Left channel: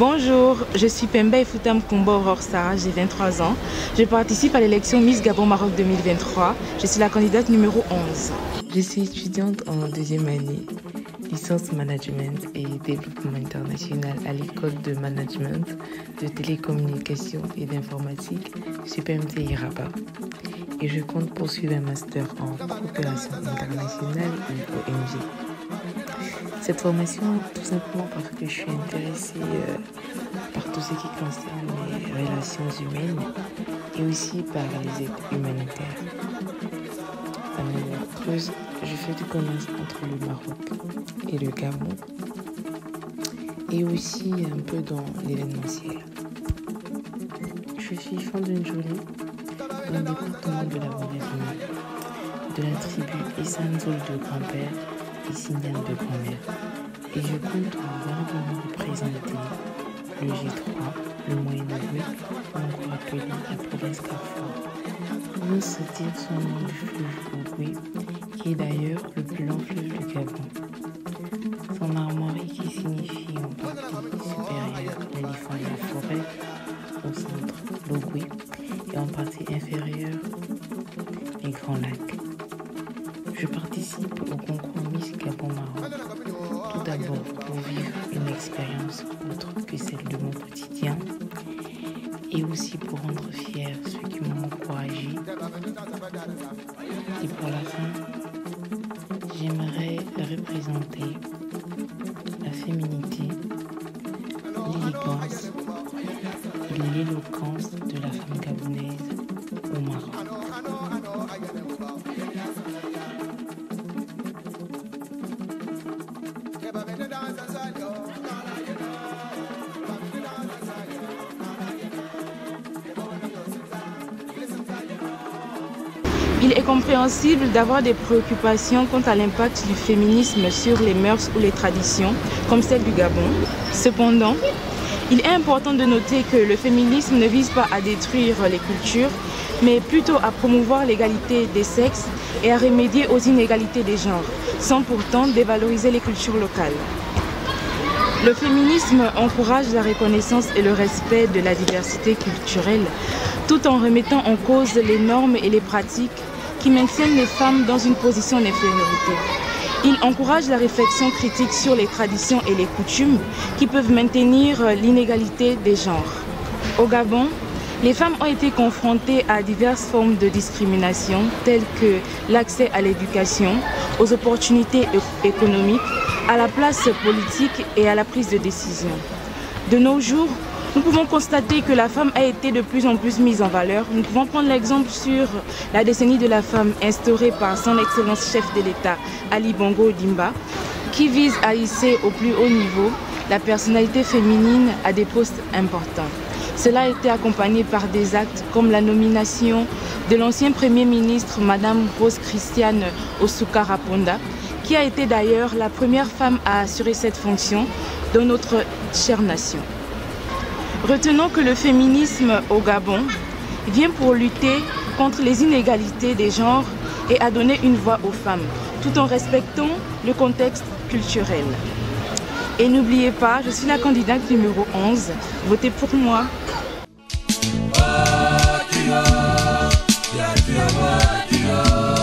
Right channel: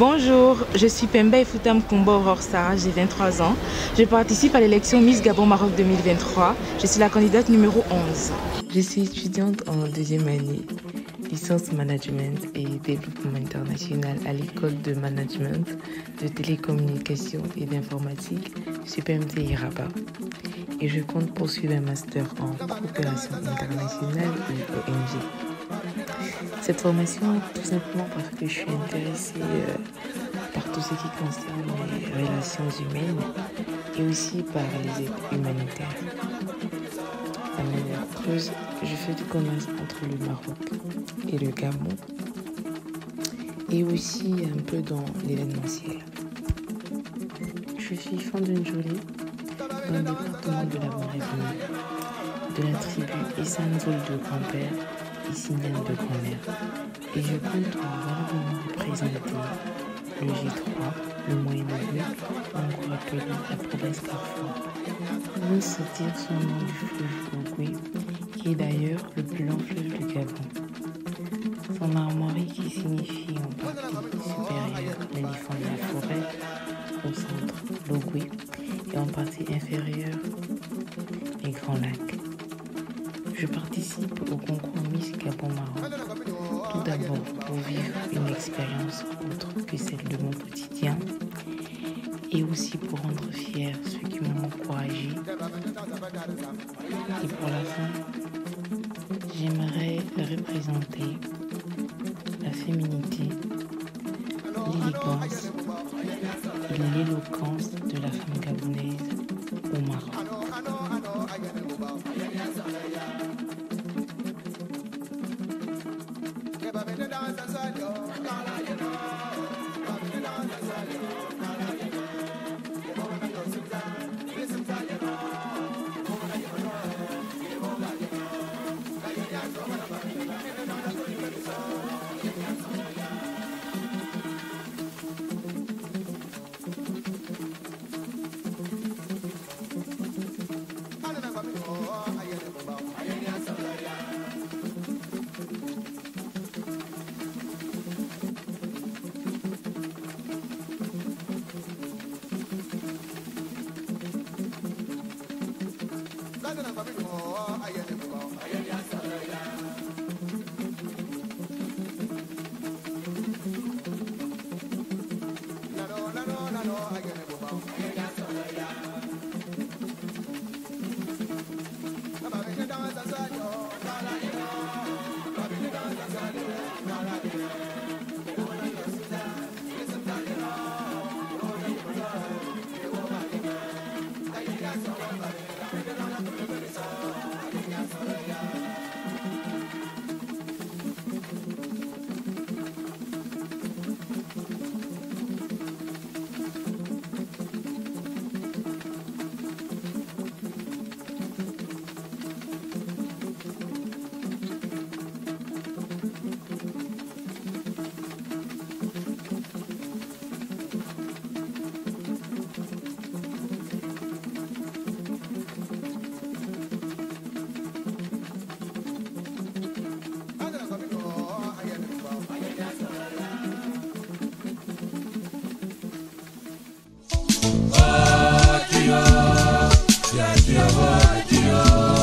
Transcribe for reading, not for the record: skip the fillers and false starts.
Bonjour, je suis Pemba Efoutam Kombo Aurore Sarah, j'ai 23 ans. Je participe à l'élection Miss Gabon Maroc 2023. Je suis la candidate numéro 11. Je suis étudiante en deuxième année, licence management et développement international à l'école de management, de télécommunications et d'informatique CPMTI Rabat. Et je compte poursuivre un master en coopération internationale ou ONG. Cette formation, tout simplement parce que je suis intéressée par tout ce qui concerne les relations humaines et aussi par les aides humanitaires. À manière creuse, je fais du commerce entre le Maroc et le Gabon et aussi un peu dans l'événementiel. Je suis fan d'une jolie dans le département de la Mauritanie, de la tribu Essanzoul de grand-père et Signal de grand-mère. Et je compte valablement représenter le G3, le Moyen-Orient ou encore appeler la province Carrefour. On veut se dire son nom du fleuve Ogooué, qui est d'ailleurs le plus long fleuve du Gabon. Son armoirie qui signifie en partie supérieure l'éléphant de la forêt, au centre l'Ogooué, et en partie inférieure les Grands Lacs. Je participe au concours Miss Gabon Maroc, tout d'abord pour vivre une expérience autre que celle de mon quotidien et aussi pour rendre fiers ceux qui m'ont encouragé. Et pour la fin, j'aimerais représenter la féminité, l'élégance et l'éloquence de la femme gabonaise au Maroc. Il est compréhensible d'avoir des préoccupations quant à l'impact du féminisme sur les mœurs ou les traditions, comme celle du Gabon. Cependant, il est important de noter que le féminisme ne vise pas à détruire les cultures, mais plutôt à promouvoir l'égalité des sexes et à remédier aux inégalités des genres, sans pourtant dévaloriser les cultures locales. Le féminisme encourage la reconnaissance et le respect de la diversité culturelle, tout en remettant en cause les normes et les pratiques qui maintiennent les femmes dans une position d'infériorité. Il encourage la réflexion critique sur les traditions et les coutumes qui peuvent maintenir l'inégalité des genres. Au Gabon, les femmes ont été confrontées à diverses formes de discrimination, telles que l'accès à l'éducation, aux opportunités économiques, à la place politique et à la prise de décision. De nos jours, nous pouvons constater que la femme a été de plus en plus mise en valeur. Nous pouvons prendre l'exemple sur la décennie de la femme instaurée par son Excellence chef de l'État, Ali Bongo Ondimba, qui vise à hisser au plus haut niveau la personnalité féminine à des postes importants. Cela a été accompagné par des actes comme la nomination de l'ancien Premier ministre, Madame Rose Christiane Osuka Raponda, qui a été d'ailleurs la première femme à assurer cette fonction dans notre chère nation. Retenons que le féminisme au Gabon vient pour lutter contre les inégalités des genres et à donner une voix aux femmes, tout en respectant le contexte culturel. Et n'oubliez pas, je suis la candidate numéro 11. Votez pour moi. Oh,